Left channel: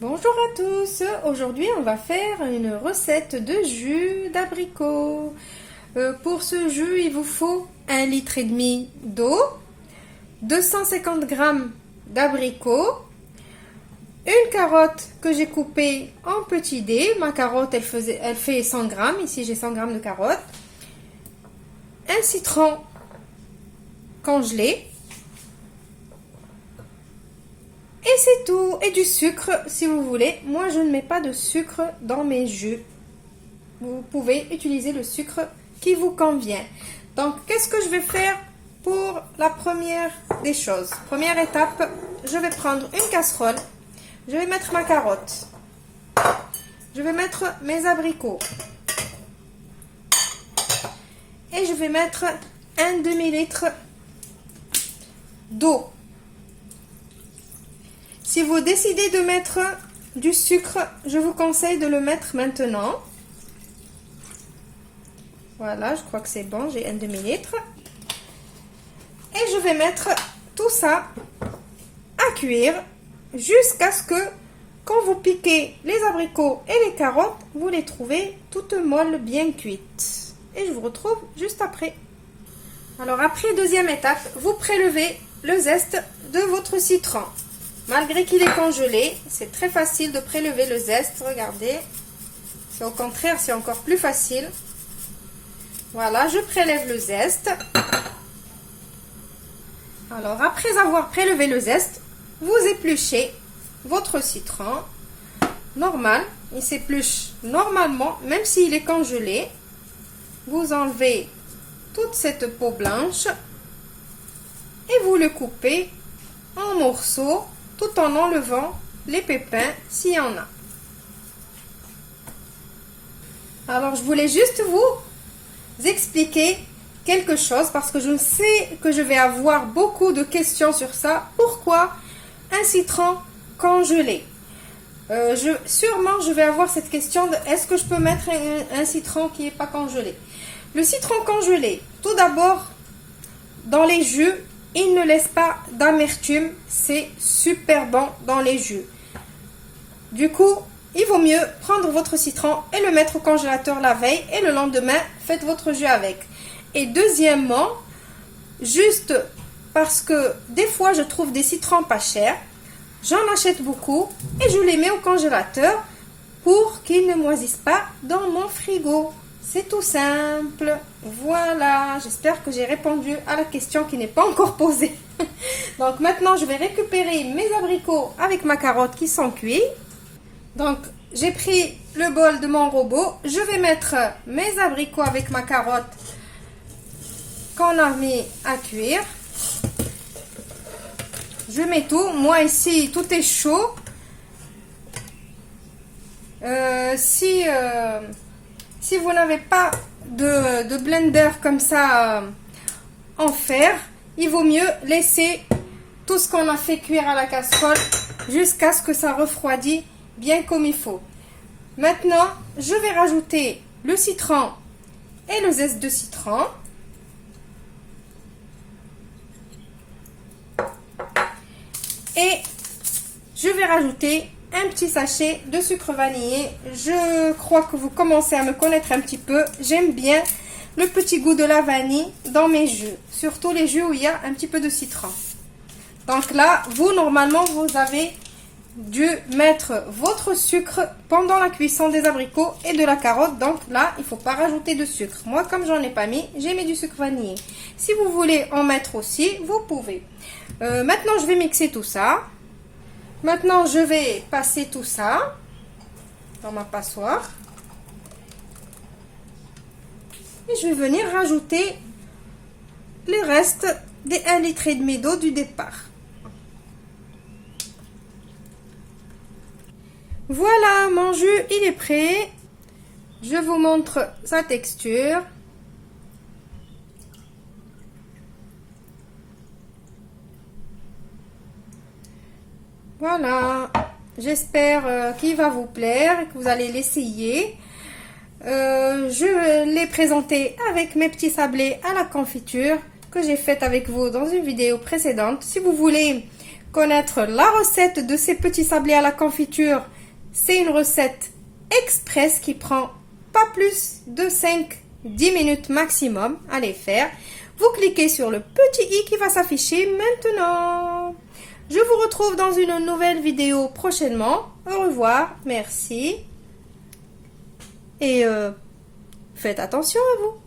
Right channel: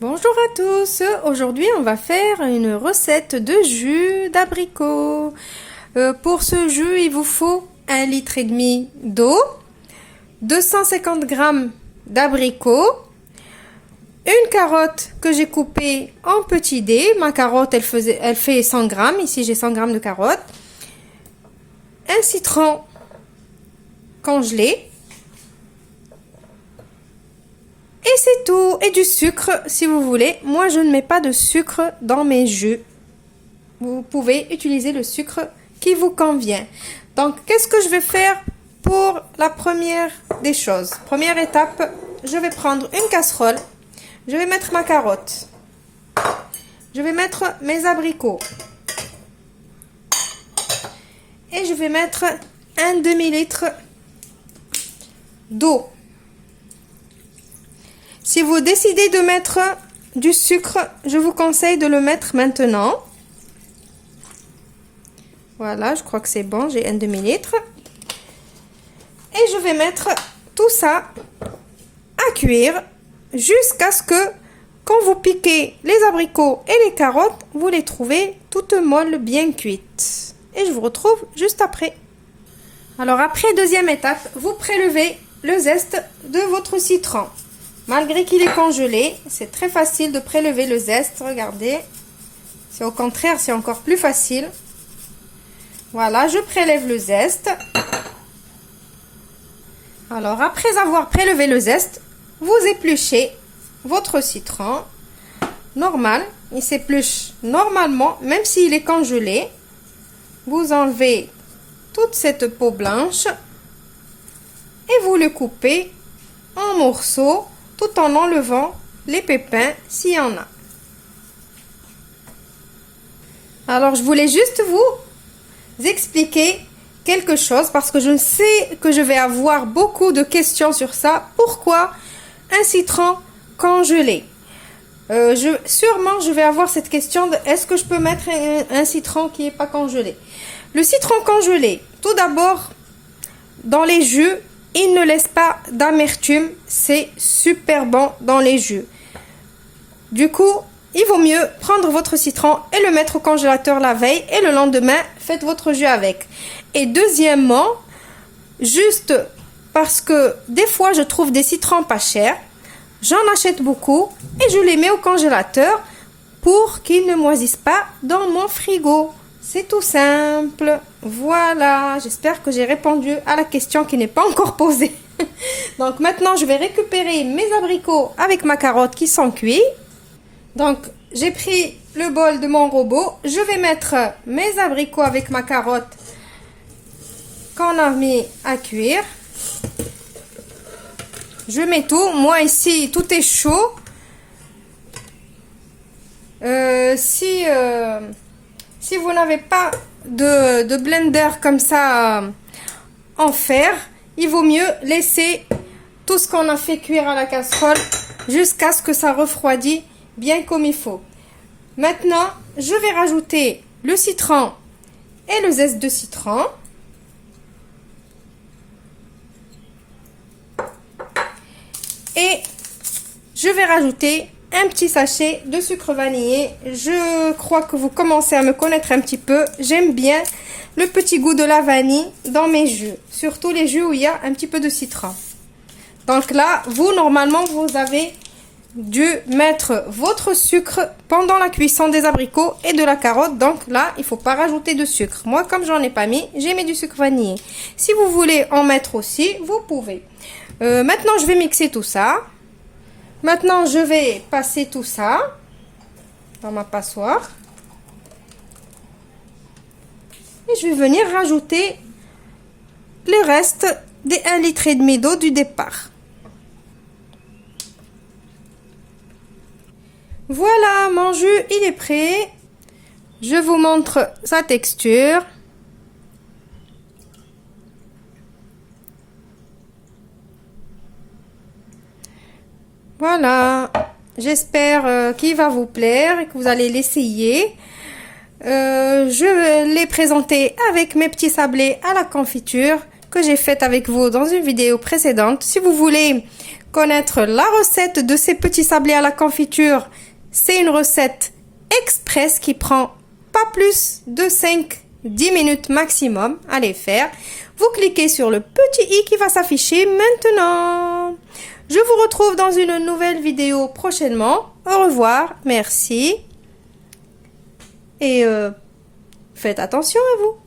Bonjour à tous, aujourd'hui on va faire une recette de jus d'abricot. Pour ce jus il vous faut 1,5 litre d'eau, 250 g d'abricots, une carotte que j'ai coupée en petits dés. Ma carotte elle fait 100 g, ici j'ai 100 g de carotte, un citron congelé. Et c'est tout. Et du sucre si vous voulez. Moi, je ne mets pas de sucre dans mes jus. Vous pouvez utiliser le sucre qui vous convient. Donc, qu'est-ce que je vais faire pour la première des choses? Première étape, je vais prendre une casserole. Je vais mettre ma carotte. Je vais mettre mes abricots. Et je vais mettre un demi-litre d'eau. Si vous décidez de mettre du sucre, je vous conseille de le mettre maintenant. Voilà, je crois que c'est bon, j'ai un demi-litre. Et je vais mettre tout ça à cuire jusqu'à ce que, quand vous piquez les abricots et les carottes, vous les trouvez toutes molles, bien cuites. Et je vous retrouve juste après. Alors après, deuxième étape, vous prélevez le zeste de votre citron. Malgré qu'il est congelé, c'est très facile de prélever le zeste. Regardez, c'est au contraire, c'est encore plus facile. Voilà, je prélève le zeste. Alors, après avoir prélevé le zeste, vous épluchez votre citron. Normal, il s'épluche normalement, même s'il est congelé. Vous enlevez toute cette peau blanche et vous le coupez en morceaux, tout en enlevant les pépins s'il y en a. Alors, je voulais juste vous expliquer quelque chose parce que je sais que je vais avoir beaucoup de questions sur ça. Pourquoi un citron congelé? Sûrement, je vais avoir cette question de est-ce que je peux mettre un citron qui n'est pas congelé? Le citron congelé, tout d'abord, dans les jus, il ne laisse pas d'amertume, c'est super bon dans les jus. Du coup, il vaut mieux prendre votre citron et le mettre au congélateur la veille et le lendemain, faites votre jus avec. Et deuxièmement, juste parce que des fois, je trouve des citrons pas chers, j'en achète beaucoup et je les mets au congélateur pour qu'ils ne moisissent pas dans mon frigo. C'est tout simple. Voilà, j'espère que j'ai répondu à la question qui n'est pas encore posée. Donc maintenant, je vais récupérer mes abricots avec ma carotte qui sont cuits. Donc, j'ai pris le bol de mon robot. Je vais mettre mes abricots avec ma carotte qu'on a mis à cuire. Je mets tout. Moi ici, tout est chaud. Si vous n'avez pas de blender comme ça en fer, il vaut mieux laisser tout ce qu'on a fait cuire à la casserole jusqu'à ce que ça refroidisse bien comme il faut. Maintenant, je vais rajouter le citron et le zeste de citron. Et je vais rajouter un petit sachet de sucre vanillé. Je crois que vous commencez à me connaître un petit peu. J'aime bien le petit goût de la vanille dans mes jus. Surtout les jus où il y a un petit peu de citron. Donc là, normalement, vous avez dû mettre votre sucre pendant la cuisson des abricots et de la carotte. Donc là, il ne faut pas rajouter de sucre. Moi, comme j'en ai pas mis, j'ai mis du sucre vanillé. Si vous voulez en mettre aussi, vous pouvez. Maintenant, je vais mixer tout ça. Maintenant, je vais passer tout ça dans ma passoire. Et je vais venir rajouter le reste des 1,5 litre d'eau du départ. Voilà, mon jus, il est prêt. Je vous montre sa texture. Voilà, j'espère qu'il va vous plaire et que vous allez l'essayer. Je l'ai présenté avec mes petits sablés à la confiture que j'ai fait avec vous dans une vidéo précédente. Si vous voulez connaître la recette de ces petits sablés à la confiture, c'est une recette express qui prend pas plus de 5-10 minutes maximum à les faire. Vous cliquez sur le petit i qui va s'afficher maintenant. Je vous retrouve dans une nouvelle vidéo prochainement. Au revoir, merci. Et faites attention à vous.